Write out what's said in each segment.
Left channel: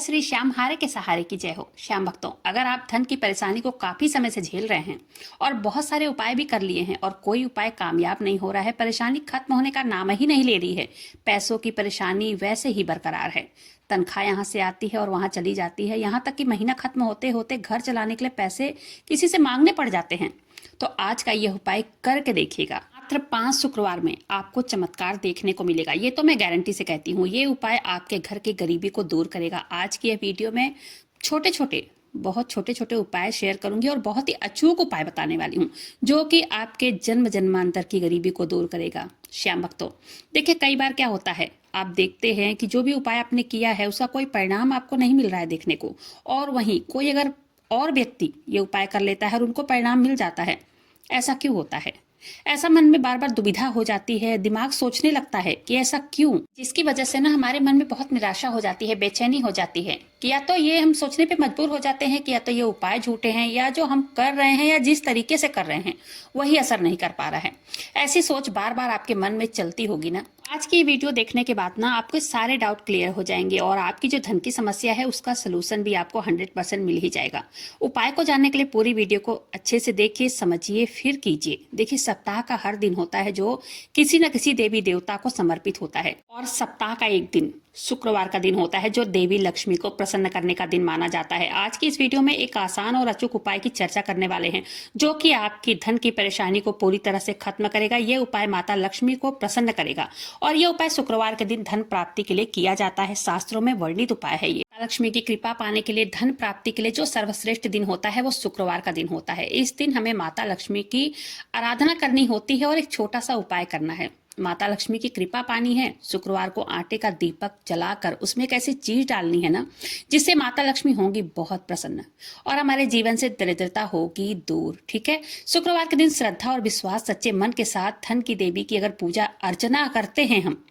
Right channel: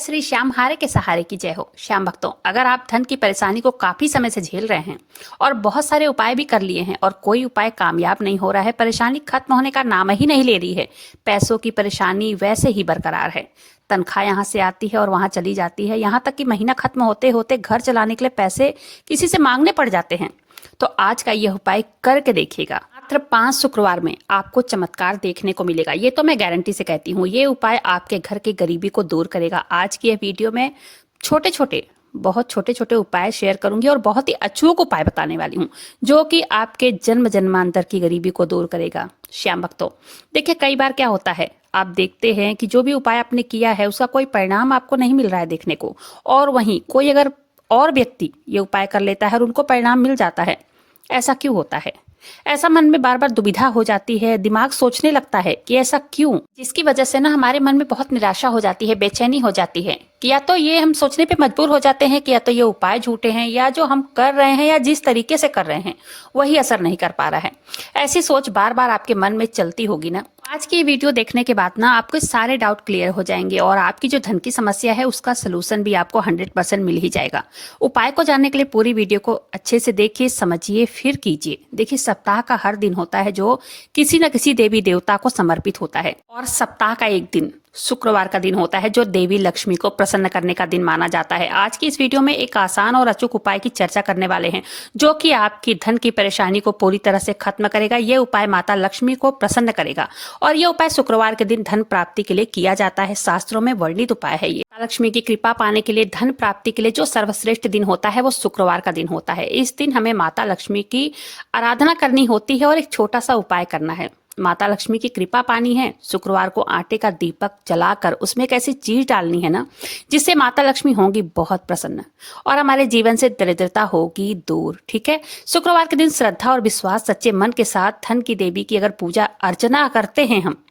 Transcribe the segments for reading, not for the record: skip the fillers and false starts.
श्री श्याम हारे के सहारे की जय हो। श्याम भक्तों, अगर आप धन की परेशानी को काफी समय से झेल रहे हैं और बहुत सारे उपाय भी कर लिए हैं और कोई उपाय कामयाब नहीं हो रहा है, परेशानी खत्म होने का नाम ही नहीं ले रही है, पैसों की परेशानी वैसे ही बरकरार है, तनख्वाह यहाँ से आती है और वहां चली जाती है, यहाँ तक कि महीना खत्म होते होते घर चलाने के लिए पैसे किसी से मांगने पड़ जाते हैं, तो आज का यह उपाय करके देखिएगा। मात्र 5 शुक्रवार में आपको चमत्कार देखने को मिलेगा। ये तो मैं गारंटी से कहती हूँ। ये उपाय आपके घर की गरीबी को दूर करेगा। आज की यह वीडियो में बहुत छोटे छोटे उपाय शेयर करूंगी और बहुत ही अचूक उपाय बताने वाली हूँ जो कि आपके जन्म जन्मांतर की गरीबी को दूर करेगा। श्याम भक्तों, देखिए कई बार क्या होता है, आप देखते हैं कि जो भी उपाय आपने किया है उसका कोई परिणाम आपको नहीं मिल रहा है देखने को, और वहीं कोई अगर और व्यक्ति ये उपाय कर लेता है और उनको परिणाम मिल जाता है। ऐसा क्यों होता है? ऐसा मन में बार बार दुविधा हो जाती है, दिमाग सोचने लगता है कि ऐसा क्यों, जिसकी वजह से ना हमारे मन में बहुत निराशा हो जाती है, बेचैनी हो जाती है कि या तो ये हम सोचने पे मजबूर हो जाते हैं कि या तो ये उपाय झूठे हैं, या जो हम कर रहे हैं या जिस तरीके से कर रहे हैं वही असर नहीं कर पा रहा है। ऐसी सोच बार बार आपके मन में चलती होगी ना। आज की वीडियो देखने के बाद ना आपके सारे डाउट क्लियर हो जाएंगे और आपकी जो धन की समस्या है उसका सलूशन भी आपको 100% मिल ही जाएगा। उपाय को जानने के लिए पूरी वीडियो को अच्छे से देखिए, समझिए, फिर कीजिए। देखिए, सप्ताह का हर दिन होता है जो किसी न किसी देवी देवता को समर्पित होता है, और सप्ताह का एक दिन शुक्रवार का दिन होता है जो देवी लक्ष्मी को प्रसन्न करने का दिन माना जाता है। आज की इस वीडियो में एक आसान और अचूक उपाय की चर्चा करने वाले हैं जो कि आपकी धन की परेशानी को पूरी तरह से खत्म करेगा। ये उपाय माता लक्ष्मी को प्रसन्न करेगा और ये उपाय शुक्रवार के दिन धन प्राप्ति के लिए किया जाता है। शास्त्रों में वर्णित उपाय है ये। माता लक्ष्मी की कृपा पाने के लिए, धन प्राप्ति के लिए जो सर्वश्रेष्ठ दिन होता है वो शुक्रवार का दिन होता है। इस दिन हमें माता लक्ष्मी की आराधना करनी होती है और एक छोटा सा उपाय करना है। माता लक्ष्मी की कृपा पानी है, शुक्रवार को आटे का दीपक जलाकर उसमें एक ऐसी चीज डालनी है ना जिससे माता लक्ष्मी होंगी बहुत प्रसन्न और हमारे जीवन से दरिद्रता होगी दूर। ठीक है, शुक्रवार के दिन श्रद्धा और विश्वास, सच्चे मन के साथ धन की देवी की अगर पूजा अर्चना करते हैं हम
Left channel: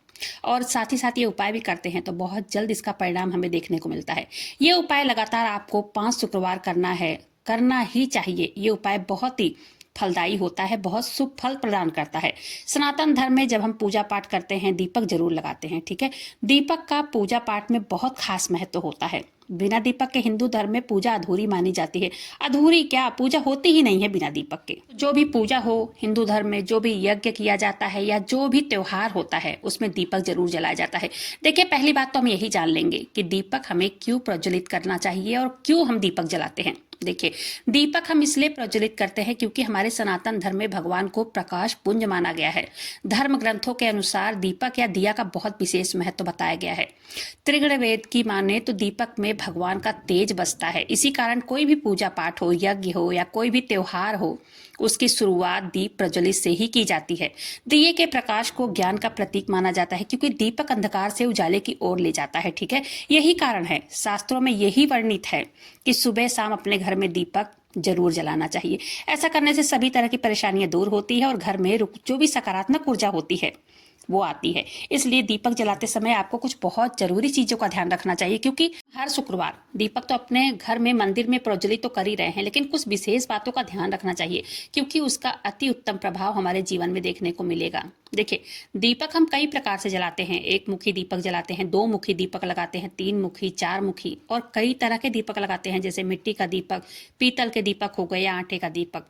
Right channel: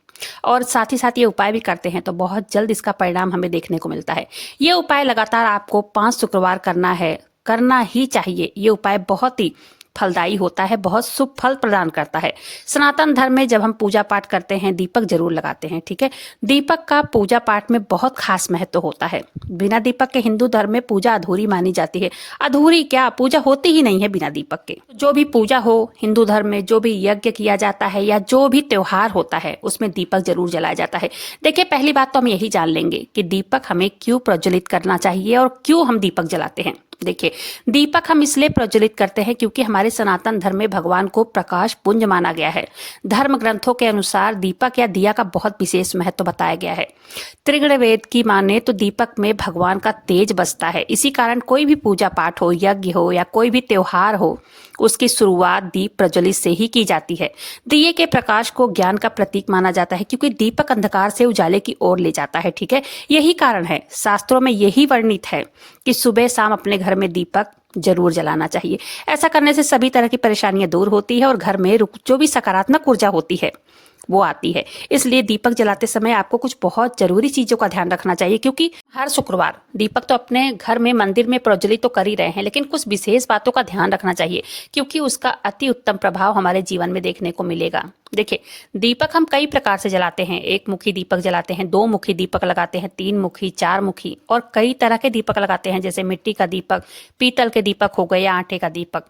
और साथ ही साथ ये उपाय भी करते हैं तो बहुत जल्द इसका परिणाम हमें देखने को मिलता है। ये उपाय लगातार आपको 5 शुक्रवार करना है, करना ही चाहिए। ये उपाय बहुत ही फलदायी होता है, बहुत शुभ फल प्रदान करता है। सनातन धर्म में जब हम पूजा पाठ करते हैं दीपक जरूर लगाते हैं। ठीक है, दीपक का पूजा पाठ में बहुत खास महत्व होता है। बिना दीपक के हिंदू धर्म में पूजा अधूरी मानी जाती है। अधूरी क्या, पूजा होती ही नहीं है बिना दीपक के। जो भी पूजा हो हिंदू धर्म में, जो भी यज्ञ किया जाता है या जो भी त्योहार होता है उसमें दीपक जरूर जलाया जाता है। देखिए, पहली बात तो हम यही जान लेंगे कि दीपक हमें क्यों प्रज्वलित करना चाहिए और क्यों हम दीपक जलाते हैं। देखिए, दीपक हम इसलिए प्रज्वलित करते हैं क्योंकि हमारे सनातन धर्म में भगवान को प्रकाश पुंज माना गया है। धर्म ग्रंथों के अनुसार दीपक या दिया का बहुत विशेष महत्व बताया गया है। त्रिगुण वेद की माने तो दीपक में भगवान का तेज बसता है। इसी कारण कोई भी पूजा पाठ हो, यज्ञ हो या कोई भी त्योहार हो, उसकी शुरुआत दीप प्रज्वलित से ही की जाती है। दिए के प्रकाश को ज्ञान का प्रतीक माना जाता है क्योंकि दीपक अंधकार से उजाले की ओर ले जाता है। ठीक है, यही कारण है, शास्त्रों में यही वर्णित है कि सुबह शाम अपने घर में दीपक जरूर जलाना चाहिए। ऐसा करने से सभी तरह की परेशानियां दूर होती है और घर में जो भी सकारात्मक ऊर्जा होती है वो आती है। इसलिए दीपक जलाते समय आपको कुछ बहुत जरूरी चीजों का ध्यान रखना चाहिए, क्योंकि हर शुक्रवार दीपक तो अपने घर में मंदिर में प्रज्वलित तो कर ही रहे हैं, लेकिन कुछ विशेष बातों का ध्यान रखना चाहिए क्योंकि उसका अति उत्तम प्रभाव हमारे जीवन में देखने को मिलेगा। देखिए, दीपक हम कई प्रकार से जलाते हैं। 1 मुखी दीपक जलाते हैं, 2 मुखी दीपक लगाते हैं, 3 मुखी, 4 मुखी और कई तरह के दीपक लगाते हैं, जैसे मिट्टी का दीपक, पीतल के दीपक हो गए या आटे का दीपक।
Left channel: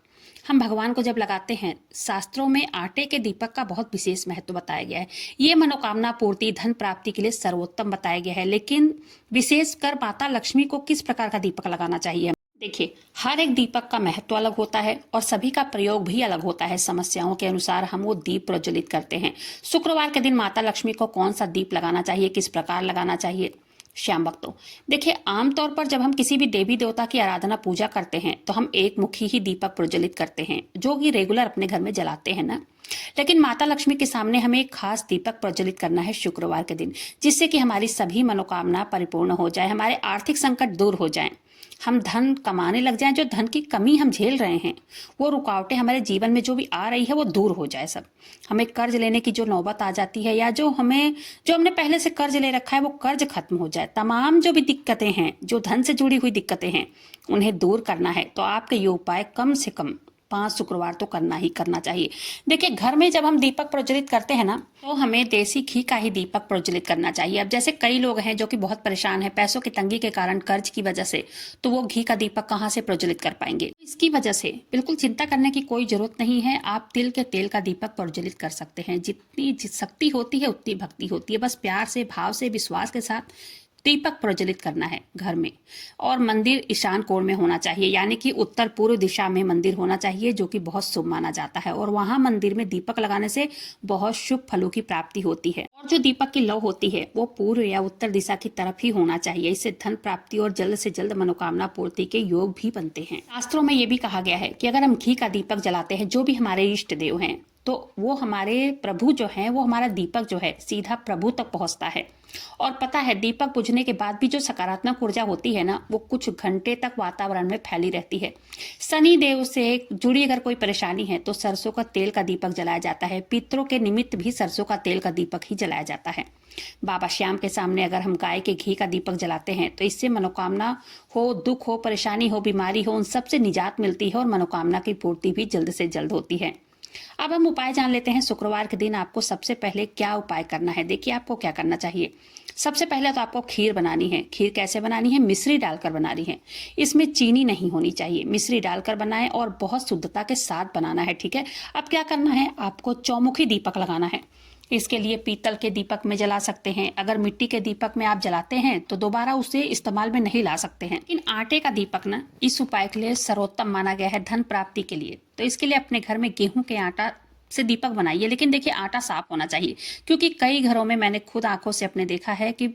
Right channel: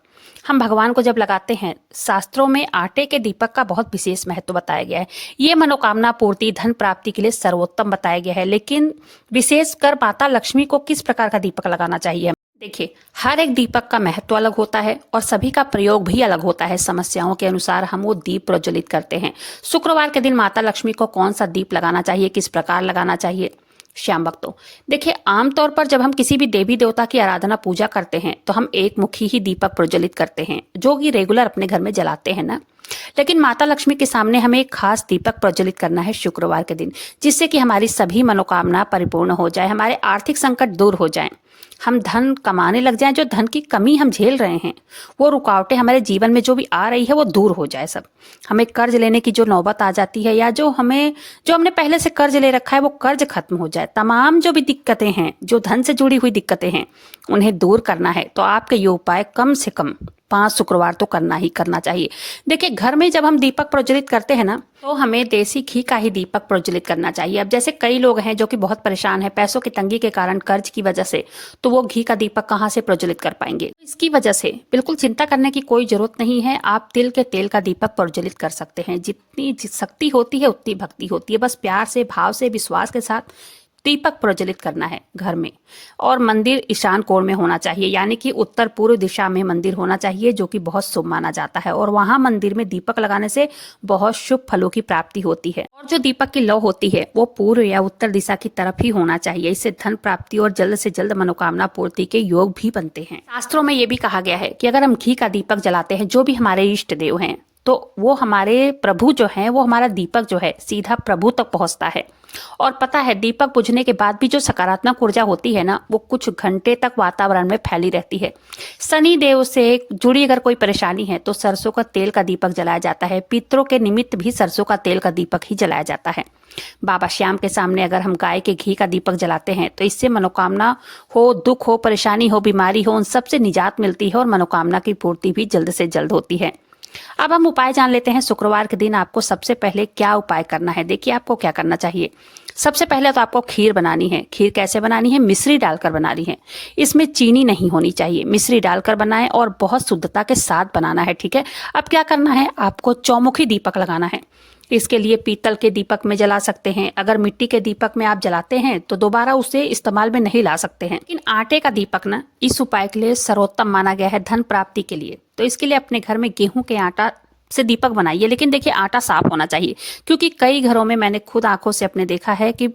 हम भगवान को जब लगाते हैं, शास्त्रों में आटे के दीपक का बहुत विशेष महत्व बताया गया है। ये मनोकामना पूर्ति, धन प्राप्ति के लिए सर्वोत्तम बताया गया है। लेकिन विशेषकर माता लक्ष्मी को किस प्रकार का दीपक लगाना चाहिए? देखिए, हर एक दीपक का महत्व अलग होता है और सभी का प्रयोग भी अलग होता है। समस्याओं के अनुसार हम वो दीप प्रज्वलित करते हैं। शुक्रवार के दिन माता लक्ष्मी को कौन सा दीप लगाना चाहिए, किस प्रकार लगाना चाहिए? श्याम भक्तों, देखिए, आमतौर पर जब हम किसी भी देवी देवता की आराधना पूजा करते हैं तो हम 1 मुखी ही दीपक प्रज्वलित करते हैं जो कि रेगुलर अपने घर में जलाते हैं ना। लेकिन माता लक्ष्मी के सामने हमें एक खास दीपक प्रज्वलित करना है शुक्रवार के दिन, जिससे कि हमारी सभी मनोकामना परिपूर्ण हो जाए, हमारे आर्थिक संकट दूर हो जाएं, हम धन कमाने लग जाएं, जो धन की कमी हम झेल रहे हैं, वो रुकावटें हमारे जीवन में जो भी आ रही है वो दूर हो जाए सब। हमें कर्ज लेने की जो नौबत आ जाती है या जो हमने पहले से कर्ज ले रखा है वो कर्ज खत्म हो जाए। तमाम जो भी दिक्कतें हैं, जो धन से जुड़ी हुई दिक्कतें हैं, उन्हें दूर करना है तो आपके ये उपाय कम से कम 5 शुक्रवार तो करना ही करना चाहिए। देखिए, घर में जब हम दीपक प्रज्वलित करते हैं ना, तो हमें देसी घी का ही दीपक प्रज्वलित करना चाहिए। अब जैसे कई लोग हैं जो कि बहुत परेशान हैं पैसों की तंगी के कारण, कर्ज की वजह से, तो वो घी का दीपक कहाँ से प्रज्वलित कर पाएंगे। इसकी वजह से बिल्कुल चिंता करने की कोई जरूरत नहीं है। आप तिल के तेल का दीपक प्रज्वलित कर सकते हैं। जितनी शक्ति होती है उतनी भक्ति होती है। बस प्यार से, भाव से, विश्वास के साथ दीपक प्रज्वलित करना है घर में। और मंदिर ईशान कोण में होना चाहिए, यानी कि उत्तर पूर्व दिशा में मंदिर होना चाहिए, जो कि बहुत शुभ माना जाता है। और वहां मंदिर में दीपक लगाने से बहुत शुभ फलों की प्राप्ति होती है। और जो दीपक की लौ होती है वो पूर्व या उत्तर दिशा की तरफ ही होना चाहिए। इससे धन प्राप्ति और जल्द से जल्द मनोकामना पूर्ति के योग भी बनते हैं। शास्त्रों में ये भी कहा गया है कि अगर हम घी का दीपक जलाते हैं, जो भी हमारे इष्ट देव हैं, तो वो हमारे प्रभु जो हैं, वो हमारा दीपक जो है सीधा प्रभु तक पहुंचता है। और पता है, दीपक बुझने के बाद भी जो सकारात्मक ऊर्जा होती है ना, वो कुछ घंटे तक वातावरण में फैली रहती है। शनि देव से जुड़ी अगर कोई परेशानी है तो सरसों का तेल का दीपक जलाया जाता है। पितरों के निमित्त भी सरसों का तेल का दीपक ही जलाया जाता है। बाबा श्याम के सामने अगर हम गाय के घी का दीपक जलाते हैं तो इससे मनोकामना हो, दुख हो, परेशानी हो, बीमारी हो, उन सबसे निजात मिलती है और मनोकामना की पूर्ति भी जल्द से जल्द होती है। अब हम उपाय जान लेते हैं। शुक्रवार के दिन आपको सबसे पहले क्या उपाय करना है। देखिए, आपको क्या करना चाहिए। सबसे पहले तो आपको खीर बनानी है। खीर कैसे बनानी है? मिश्री डालकर बनानी है। इसमें चीनी नहीं होनी चाहिए। मिश्री डालकर बनाएं और बहुत शुद्धता के साथ बनाना है, ठीक है। अब क्या करना है, आपको चौमुखी दीपक लगाना है। इसके लिए पीतल के दीपक में जला सकते हैं। अगर मिट्टी के दीपक में आप जलाते हैं तो दोबारा उसे इस्तेमाल में नहीं ला सकते हैं। लेकिन आटे का दीपक ना इस उपाय के लिए सर्वोत्तम माना गया है, धन प्राप्ति के लिए। तो इसके लिए अपने घर में गेहूं के आटा से दीपक बनाइए। लेकिन देखिए, आटा साफ होना चाहिए, क्योंकि कई घरों में मैंने खुद आंखों से अपने देखा है कि,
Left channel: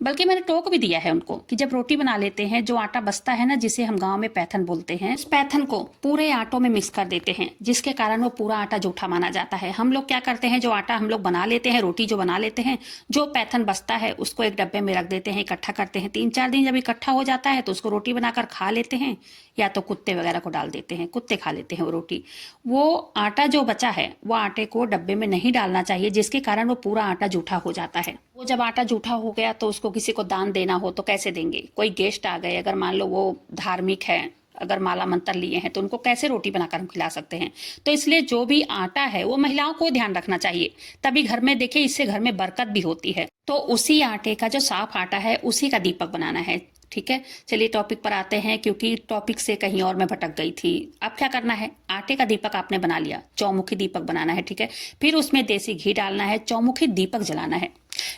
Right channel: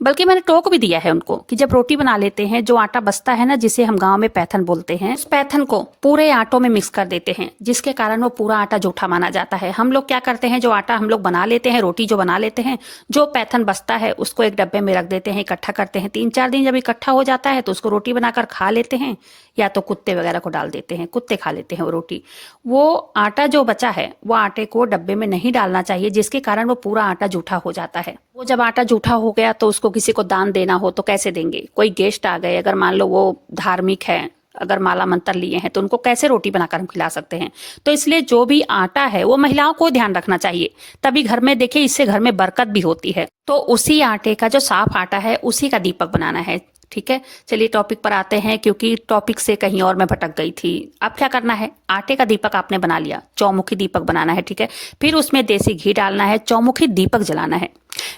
बल्कि मैंने टोक भी दिया है उनको, कि जब रोटी बना लेते हैं, जो आटा बचता है ना, जिसे हम गांव में पैथन बोलते हैं, उस पैथन को पूरे आटों में मिक्स कर देते हैं, जिसके कारण वो पूरा आटा जूठा माना जाता है। हम लोग क्या करते हैं, जो आटा हम लोग बना लेते हैं, रोटी जो बना लेते हैं, जो पैथन बचता है उसको एक डब्बे में रख देते हैं, इकट्ठा करते हैं। 3-4 दिन जब इकट्ठा हो जाता है तो उसको रोटी बनाकर खा लेते हैं, या तो कुत्ते वगैरह को डाल देते हैं, कुत्ते खा लेते हैं वो रोटी। वो आटा जो बचा है वो आटे को डब्बे में नहीं डालना चाहिए, जिसके कारण वो पूरा आटा जूठा हो जाता है। वो जब आटा जूठा हो गया तो उसको किसी को दान देना हो तो कैसे देंगे? कोई गेस्ट आ गए, अगर मान लो वो धार्मिक है, अगर माला मंत्र लिए हैं, तो उनको कैसे रोटी बनाकर हम खिला सकते हैं? तो इसलिए जो भी आटा है वो महिलाओं को ध्यान रखना चाहिए, तभी घर में, देखिए, इससे घर में बरकत भी होती है। तो उसी आटे का, जो साफ आटा है, उसी का दीपक बनाना है, ठीक है। चलिए टॉपिक पर आते हैं, क्योंकि टॉपिक से कहीं और मैं भटक गई थी। अब क्या करना है, आटे का दीपक आपने बना लिया, चौमुखी दीपक बनाना है, ठीक है। फिर उसमें देसी घी डालना है, चौमुखी दीपक जलाना है।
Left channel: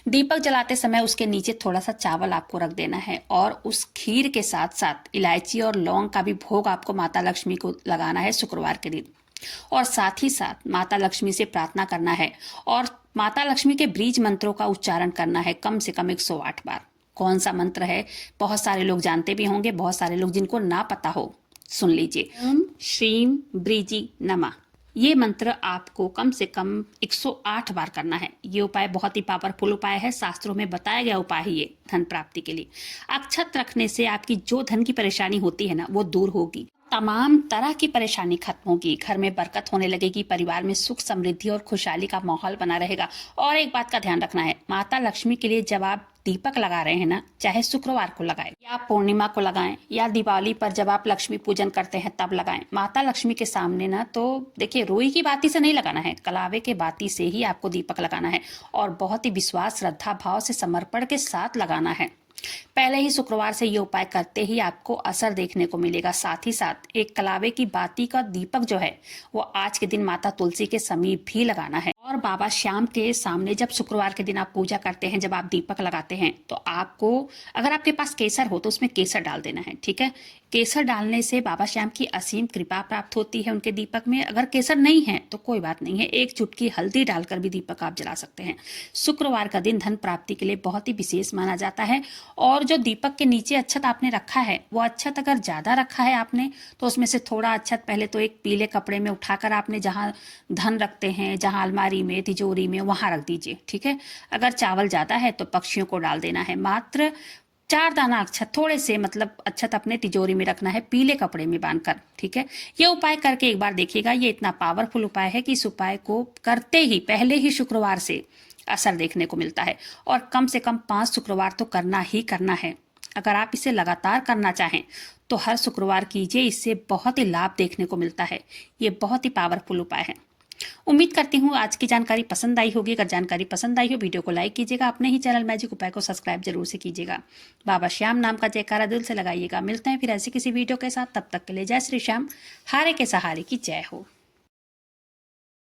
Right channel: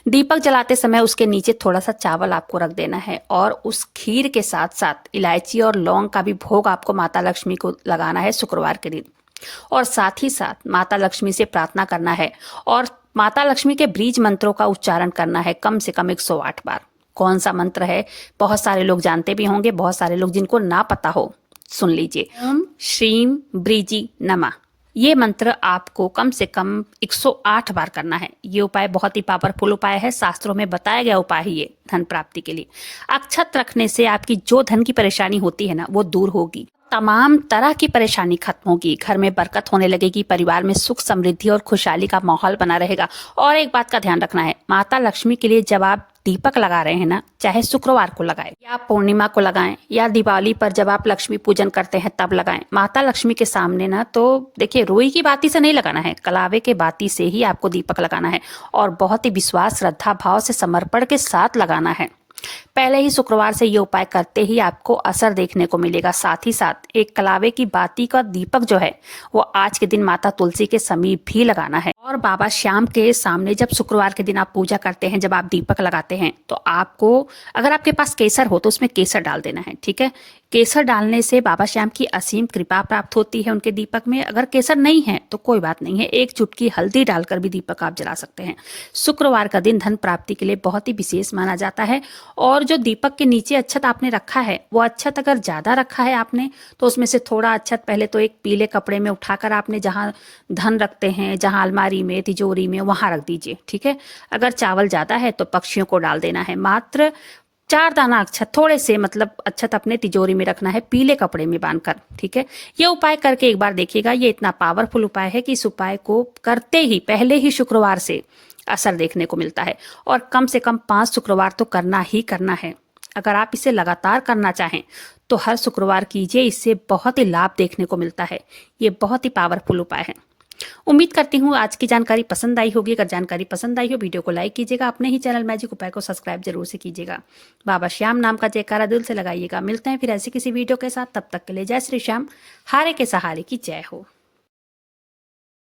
दीपक जलाते समय उसके नीचे थोड़ा सा चावल आपको रख देना है, और उस खीर के साथ साथ इलायची और लौंग का भी भोग आपको माता लक्ष्मी को लगाना है शुक्रवार के दिन। और साथ ही साथ माता लक्ष्मी से प्रार्थना करना है, और माता लक्ष्मी के बीज मंत्रों का उच्चारण करना है कम से कम 108 बार। कौन सा मंत्र है, बहुत सारे लोग जानते भी होंगे, बहुत सारे लोग जिनको ना पता हो, सुन लीजिए। ओम श्रीम ब्रीजी नमः। ये मंत्र आपको कम से कम 108 बार करना है। ये उपाय बहुत ही पावरफुल उपाय है, शास्त्रों में बताया गया उपाय है ये धन प्राप्ति के लिए। अक्षत रखने से आपकी जो धन की परेशानी होती है ना, वो दूर होगी। तमाम तरह की परेशानी खत्म होगी, घर में बरकत होने लगेगी, परिवार में सुख समृद्धि और खुशहाली का माहौल बना रहेगा। और एक बात का ध्यान रखना है, माता लक्ष्मी के लिए जब आप दीपक लगा रहे हैं ना, चाहे शुक्रवार को लगाएं या पूर्णिमा को लगाएं या दिवाली पर जब आप लक्ष्मी पूजन करते हैं तब लगाएं, माता लक्ष्मी के सामने ना, तो देखिए, रुई की बाती से नहीं लगाना है, कलावे के बाती से ही आपको दीपक लगाना है, और बहुत ही विश्वास, श्रद्धा भाव से, समर्पण के साथ लगाना है। पहले ही शुक्रवार से ये उपाय करते ही आपको असर देखने को मिलेगा। साथ ही साथ एक कलावे की बाती का दीपक जो है वो आज के दिन माता तुलसी के समीप भी लगाना है। और बाबा श्याम के सामने जब शुक्रवार के दिन आप पूजा करते हैं, जब आप दीपक लगाते हैं, तो आपको, अगर आपके पास केसर हो तो उसमें केसर डाल देना है, ठीक है। केसर डालने से बाबा श्याम की असीम कृपा प्राप्त होती है उनके दीपक में। अगर केसर नहीं है तो कोई बात नहीं है, एक चुटकी हल्दी डालकर भी दीपक आप जला सकते हैं। शुक्रवार का दिन धन प्राप्ति के लिए बहुत ही विशेष माना जाता है। और जो दीपक के नीचे अक्षत आपने रखा है, वो अक्षत अगर ज्यादा रखा है आपने, तो उसमें से थोड़ा अक्षत पहले तो एक पीले कपड़े में उठाकर आपने जहां धन रखते हैं, जहां अलमारी में, तिजोरी में, वहां रख दीजिए, ठीक है। अगर चावल ज्यादा है तो पक्षियों को डाल देना है। मात्र 4 दाना अक्षत, थोड़े से, मतलब अक्षत अपने तिजोरी में रखना है, पीले कपड़े में बांधकर, ठीक है। ये उपाय करके एक बार देखिएगा। ये इतना पावरफुल उपाय है कि इस उपाय को करते ही पहले ही शुक्रवार से असर देखने को मिलता है। और कम से कम 5 शुक्रवार तो करना ही करना है। अगर आप इसे लगातार करना चाहें तो हर शुक्रवार कीजिए, इससे बहुत ही लाभ देखने को मिलता है। ये बहुत ही पावरफुल उपाय है। उम्मीद करती हूँ आज की जानकारी पसंद आई होगी। अगर जानकारी पसंद आई हो वीडियो को लाइक कीजिएगा, अपने ही चैनल मैजिक उपाय को सब्सक्राइब जरूर से कीजिएगा। बाबा श्याम नाम का जयकारा दिल से लगाइएगा। मिलते हैं फिर ऐसी किसी वीडियो के साथ, तब तक के लिए जय श्री श्याम। हारे के सहारे की जय हो।